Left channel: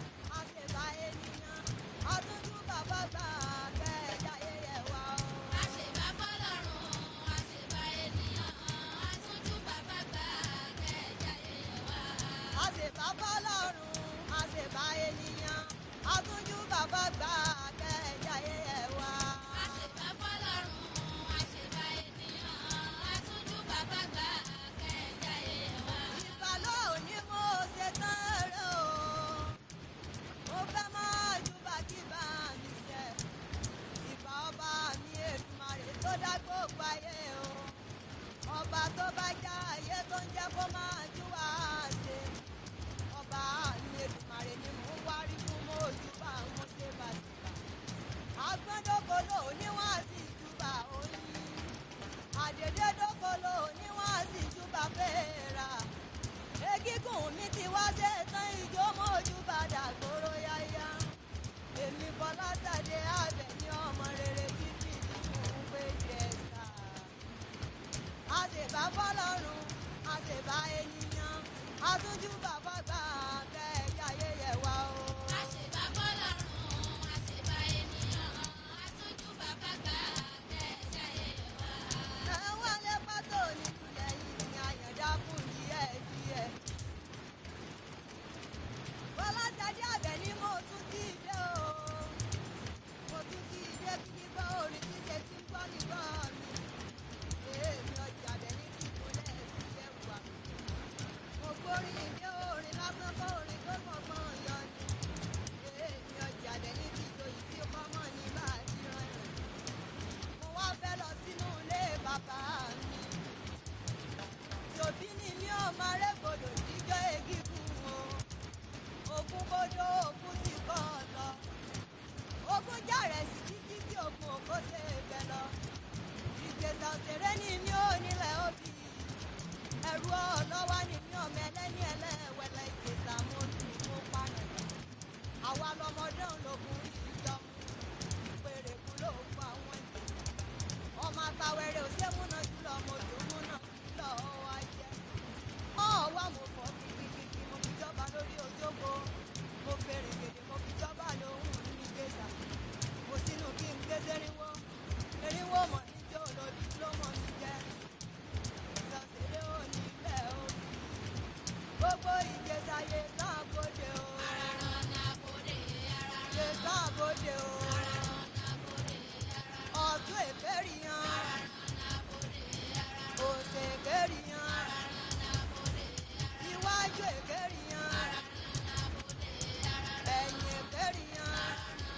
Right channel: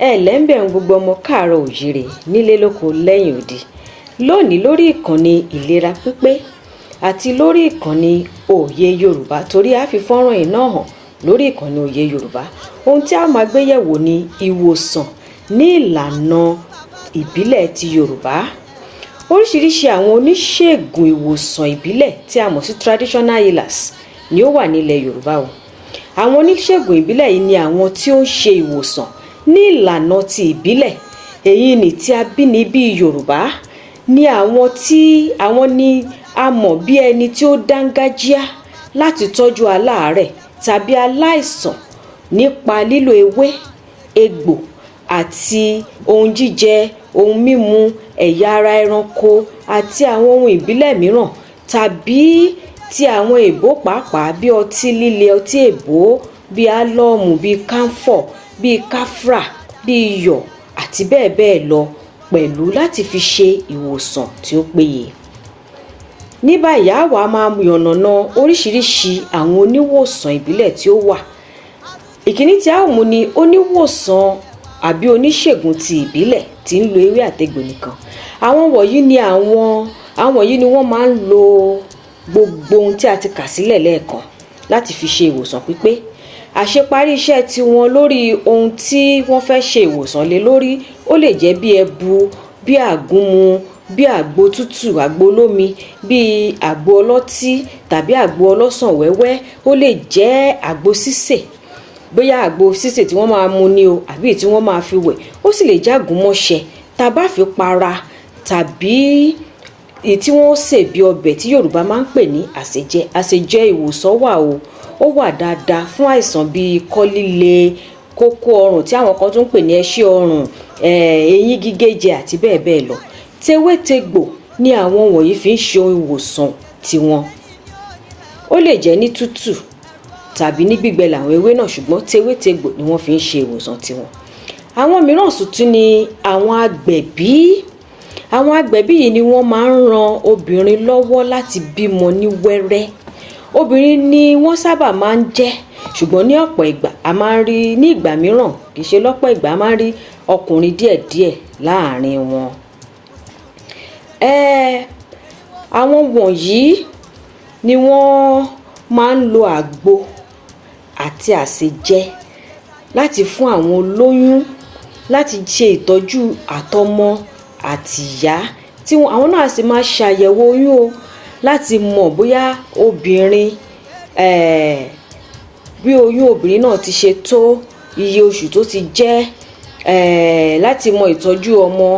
lẹ́ńbẹ̀ ń gbogbo ọmọ káàárọ̀ òjíire nílé lóko lẹ́yìn odi lónìí lórí ìkànnì ìlera pípé àti lórí ìkànnì òye Yorùbá, torí a fi fọ́nrán yìí náà hàn lórí ìkànnì òye Yorùbá. Ohun tí a máa gbé yẹ̀wò ni ìwòsàn ní ìlànà ìbílẹ̀ ti Yorùbá. Oríṣiríṣi àwọn oníṣègùn ìwòsàn ìbílẹ̀ tí a mọ̀ sí traditional healers ni ó wà nílẹ̀ Yorùbá o. Àwọn oníṣègùn ìbílẹ̀ yìí ni àwọn tí ó ń ṣe ìwòsàn ní ìlànà ti ìbílẹ̀, èyí ni tí abínibí Yorùbá, ni àwọn ni a mọ̀ bí ẹni tí ó dángájíá láti tọ́jú aláàárẹ̀ tàbí aláìsàn nípa lílo ewé, egbò àti ohun jíjẹ, ohun mímu, ẹ̀yà ara ẹranko àti àwọn ohun ìbílẹ̀ mìíràn, tàbí ti àwọn èbó pàápàá bí ọtí líle, ọtí èbó, bí álọ́ọ̀mù, bí káńfọ̀, bí káfrà, bí iyọ̀ àti bẹ́ẹ̀ bẹ́ẹ̀ lọ, pẹ̀lú láti fi ṣe ìwòsàn tí ó péye. Ní báyìí àwa máa yànnàná oríṣiríṣi àwọn oníwòsàn ìbílẹ̀ tí ó wà. Ìkíní tí a ó mú ni oníwòsàn àbí oníṣègùn ti ìbílẹ̀ tí ń lo ewé àtegbò nìkan. Àwọn wọ̀nyí ni wọ́n máa ń lo gbogbo ohun tí a ti kà sílẹ̀ lẹ́ẹ̀kan láti fi ṣe ìwòsàn pípé. Àṣeparí iṣẹ́ tiwọn lórí ohun tí wọ́n fẹ́ ṣe ìwòsàn lé lórí ó lè jẹ́ bí ẹbu, bí àgúnmu, bí àgbo tútù, àgbo olómi, bí àgbo ọlọ́tí tàbí àgbo ọlọ́sàn wẹ́wẹ́. Ó lè jẹ́ àgbo sísè, bóyá àgbo sísè tí wọ́n máa mu ni o àbí tí wọ́n máa fi wẹ̀. Ó sì lè jẹ́ àgúnmọ̀ṣẹ́ tá bá fi para, tàbí èyí tí wọ́n sè bí ọbẹ̀ tí Yorùbá máa ń pè ní àsèjẹ. Àsèjẹ ìwòsàn wà o, ó wà dáadáa fún àìsàn bíi ikọ́ líle, kókó ọrùn tí àwọn kan tún ń pè ní ẹṣẹ́ ọrùn, eyín gígéjẹ àti bẹ́ẹ̀ bẹ́ẹ̀ lọ. Tewétegbò ni àwọn wọ̀nyí fi ń ṣe ìwòsàn tiwọn. Ó lè jẹ́ ní tútù tàbí ní gbígbẹ làwọn ewé náà, ṣùgbọ́n tewétegbò ni wọ́n fi ń ṣe ìwòsàn tiwọn. Àwọn mìíràn sì tún ni àwọn agbẹ̀bí. Àwọn agbẹ̀bí yìí ni wọ́n máa ń ran obìnrin lọ́wọ́ láti bímọ ní wẹ́rẹ́. Obìnrin ni wọ́n sábà máa ń jẹ́, ṣùgbọ́n ní ọ̀pọ̀ ìgbà a máa ń rí, ní ìgbà mìíràn kì í ṣe lọ́pọ̀ ìgbà, a máa ń rí ọkùnrin díẹ̀díẹ̀ láàárín wọn. Àwọn wọ̀nyí ni wọ́n máa ń lo àgbo àti àsèjẹ láti fún àwọn olóyún, láti ṣe ìtọ́jú àtọmọ àti ìyá tí àwọn náà sì máa ṣàyẹ̀wò oyún o, láti mọ̀ bóyá obìnrin bí oyún obìnrin náà ti ṣe tó, iye oṣù tó ti jẹ́, láti mọ ìtọ́jú ọmọ,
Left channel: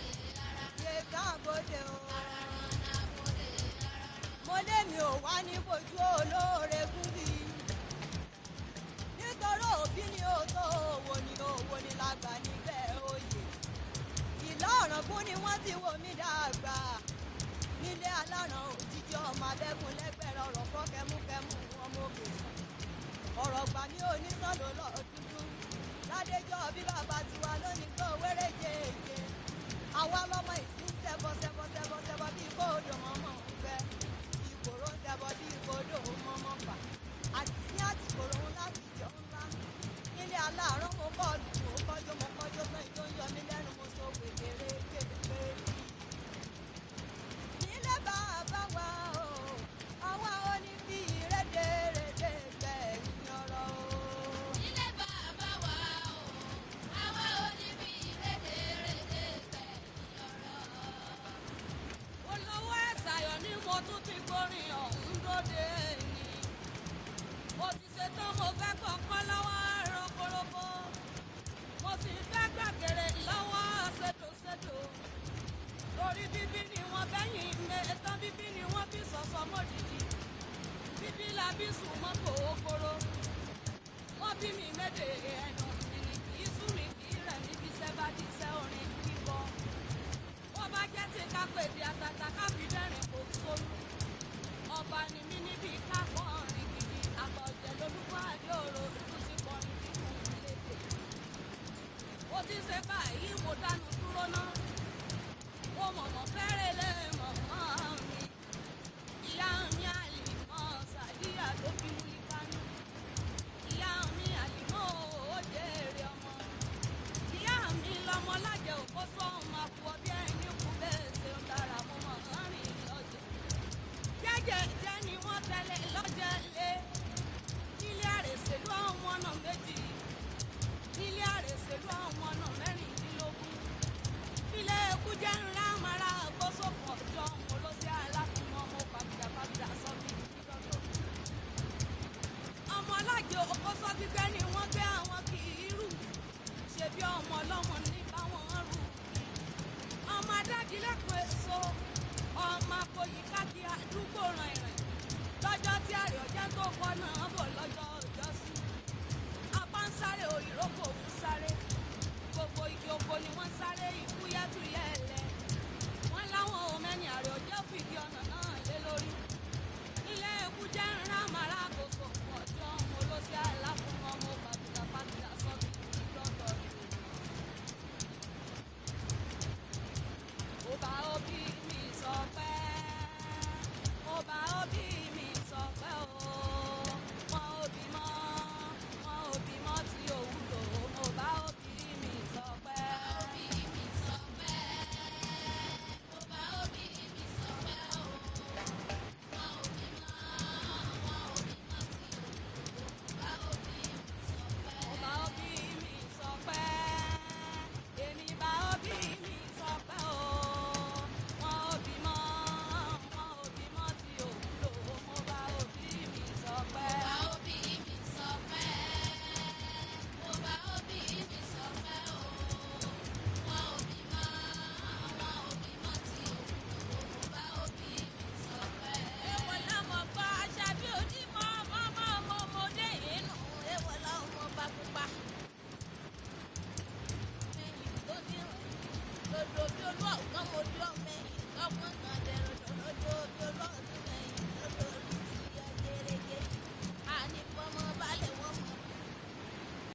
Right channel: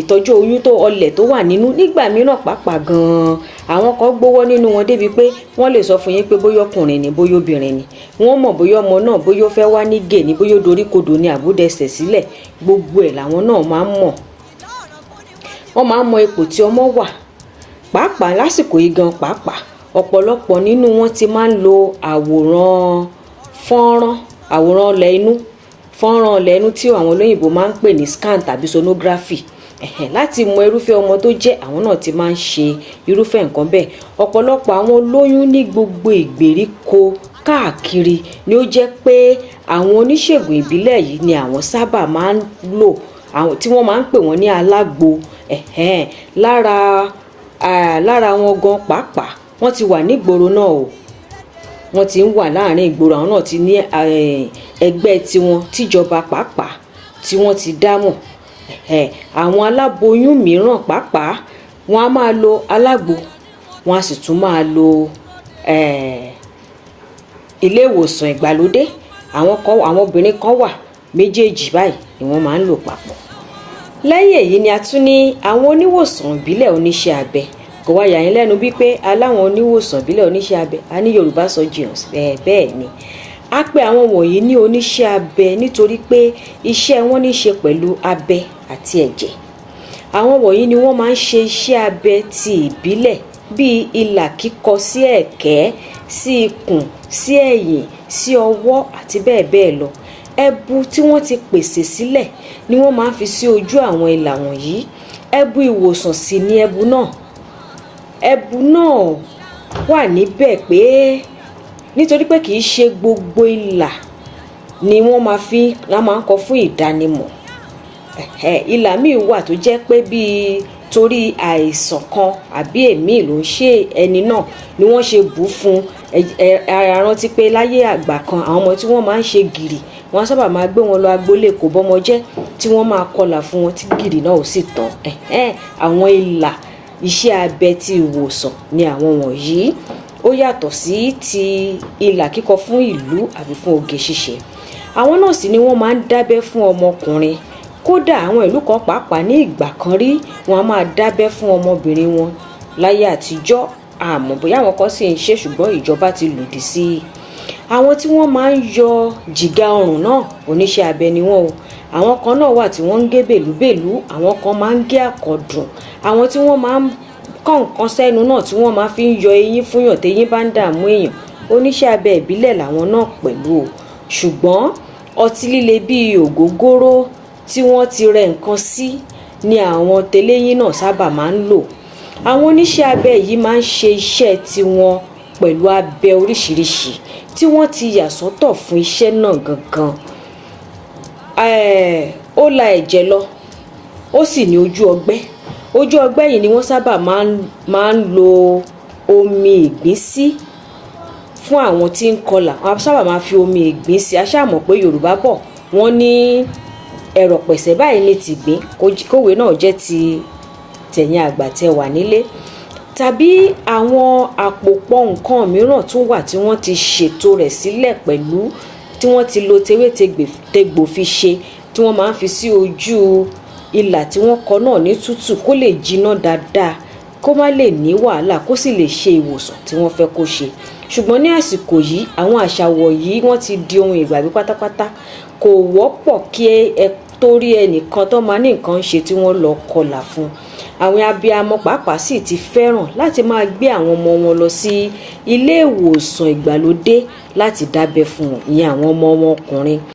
ìtọ́jú oyún tó ọlẹ̀ tó wà nínú. Nígbà mìíràn pàápàá gan-an àwọn kan gbówó nínú wọn débi pé wọ́n lè sọ fún yín pé bóyá ọkùnrin ni bóyá obìnrin ni. Wọ́n mọ̀ bóyá ọmọ náà bóyá ó fẹ́ wá ní gè ni, bóyá ó dorí kodò ni àbúdẹsẹ̀ sílẹ̀. Gbogbo ẹ̀ làwọn náà máa ń mọ̀. Wọ́n máa ń mọ ipò tí ọmọ wà pàápàá lásìkò yìí gan. Pàápàá ọ̀pọ̀lọpọ̀ nínú wọn ti máa ń lo àwòrán ilẹ̀ inú, fọ́nrán ilẹ̀ inú tí àwọn olóyìnbó máa ń pè ní scan tàbí sonography, láti mọ irúfẹ́ ọmọ tó jẹ́. Àwọn náà ti máa ń ṣe irúfẹ́ nǹkan bẹ́ẹ̀. Ọ̀pọ̀lọpọ̀ àwọn olóyún ní gbogbo ìgbèríko káàkiri ni ó jẹ́ pé àwọn oníṣègùn ìbílẹ̀ yìí ni àwọn sábà máa ń lò, àwọn tí wọ́n máa ń pè wọ́n ní alágbo. Lára wọn gan pàápàá wọ́n ti wà nígboro náà o, wọ́n ti ń wà láàrin ìgboro. Àwọn náà ti ní ẹgbẹ́ tiwọn tíjọba pàápàá tí wọ́n ti dámọ̀. Àwọn aláboyún mìíràn pàápàá wọ́n á máa lo alágbo, wọ́n á sì tún máa lo ilé ìwòsàn ìgbàlódé. Àwọn obìnrin kan wà méjèèjì báyìí ni wọ́n máa ń lò papọ̀. Lẹ́yìn èyí ni a tún ní àwọn oníwòsàn ìbílẹ̀ oníṣẹ́ abẹ. Kò wá yà yín lẹ́nu bí pé aláwọn oníwòsàn ìbílẹ̀ oníṣẹ́ abẹ, a ní Yorùbá surgeons. Bẹ́ẹ̀ ni a pè àwọn wọ̀nyí ní oníṣẹ́ abẹ nítorí pé iṣẹ́ wọn ní í ṣe pẹ̀lú abẹ àti ẹ̀jẹ̀. Àwọn wọ̀nyí ni wọ́n máa ń ṣe iṣẹ́ abẹ ti ìbílẹ̀ bíi ìlà kíkọ sí ẹ̀kẹ́, sí ikùn, sí ẹ̀yìn, sí ọwọ́ àti bẹ́ẹ̀ bẹ́ẹ̀ lọ. Ẹbu tí wọ́n ti pèsè sílẹ̀ ni wọ́n máa ń fi sí ojú àwọn ìlà wọ̀nyí. Ẹbu ìwòsàn sì ni ẹbu náà. Ẹbu náà wà níbẹ̀ pé nítorí pé kì í ṣe gbogbo ìlà ni wọ́n máa ń kọ fún ìdánimọ̀. Ìlà míì wà tó jẹ́ pé bíi torí àìsàn kan àbí èmi ló ń ṣe ẹni náà ni wọ́n ṣe bù fún. Rántí pé láyé àgbà kan àwọn ọmọ tí wọ́n máa ń ṣe gìrì wọ́n sábà máa gbé wọn lọ agboolé kò bọ́mọ jẹ́ tí wọ́n máa kọlà fún wọn tí gìrì náà ò sì tán. Àwọn ìlà iṣẹ́ abẹ ti ìwòsàn ni àwọn wọ̀nyí. Ó yàtọ̀ sí ti ìlà kíkọ fún ìlú àbí fún oge ṣíṣe. Àwọn náà sì ni wọ́n máa ń dábẹ́ fún ọmọkùnrin. Kódà àwọn ìlú kan pàápàá ní ìgbà kan rí wọ́n á máa dábẹ́ fún ọmọbìnrin wọn láyé àtijọ́. Àmọ́ bóyá àwọn kan sì ń ṣe ṣùgbọ́n ìjọba ti lòdì sí i. Àwọn tí wọ́n máa ń yọ jìgá ọrùn náà oníṣẹ́ abẹ ni wọ́n o. Àwọn kan náà wà tí wọ́n ń gé bèlúbèlú, àwọn kan máa ń gé àkọ̀dùn, àwọn tí wọ́n máa ń kọ́ nǹkan sẹ́nu náà tí wọ́n máa fi ń yọ eyín fúnyàn téyín bá ń dààmú èèyàn. Oníṣẹ́ abẹ ìbílẹ̀ làwọn náà pẹ̀lú o. Ṣùgbọ́n ọtí líle bíi ògógóró tí wọ́n ti rẹ nǹkan sí ni àwọn tẹlẹ́yìn náà sábà máa ń lò. Àwọn oníṣẹ́ abẹ yìí máa ń ṣe iṣẹ́ tiwọn pẹ̀lú abẹ oríṣiríṣi tí wọ́n ti yà sọ́tọ̀ fún iṣẹ́ náà gangan. Ó la ẹ̀jẹ̀ lọ, ó sì ní ojú ọgbẹ́. Ojú ọgbẹ́ yìí ni wọ́n sábà máa ń lo omi ìgbín sí fún àwọn tí ń kọlà. Wọ́n sábà máa fi omi ìgbín sí. A ṣáà mọ̀ pé Yorùbá bọ̀ wọ́n ní ẹ̀rọ̀ pẹ̀sẹ̀ báyìí ní tìgbín, kòwé náà jẹ́ ti tẹ̀yìn àgbà tẹ wà nílé. Tàbí àwọn àpòpọ̀ nǹkan mìíràn tún wà tí wọ́n ti ṣètò rẹ̀ sílẹ̀ pẹ̀lú tí wọ́n ti lo tewétegbò fi ṣe, tí wọ́n máa ń fi sí ojú ìlà tí wọ́n kọ náà ní tútù kó lè jiná dáadáa, kó má lè ní wàhálà, kó sì lè ṣe ìwòsàn tí wọ́n fẹ́ kó ṣe. Ṣùgbọ́n ní àsìkò yìí àwọn àṣà wọ̀nyí wọ́n ti di ohun ìgbàgbé pátápátá. Kò wọ́pọ̀ kí ẹ torí ẹnìkan tó máa ní nǹkan ṣe tí wọ́n lọ kọlà fún. Àwọn abiyamọ pàápàá sì ti fẹ́ràn láti máa gbé àwọn ọmọ wọn lọ sí ilé ìwòsàn ìgbàlódé láti dábẹ́ fún wọn, ìyẹn àwọn ọmọ wọn ọkùnrin.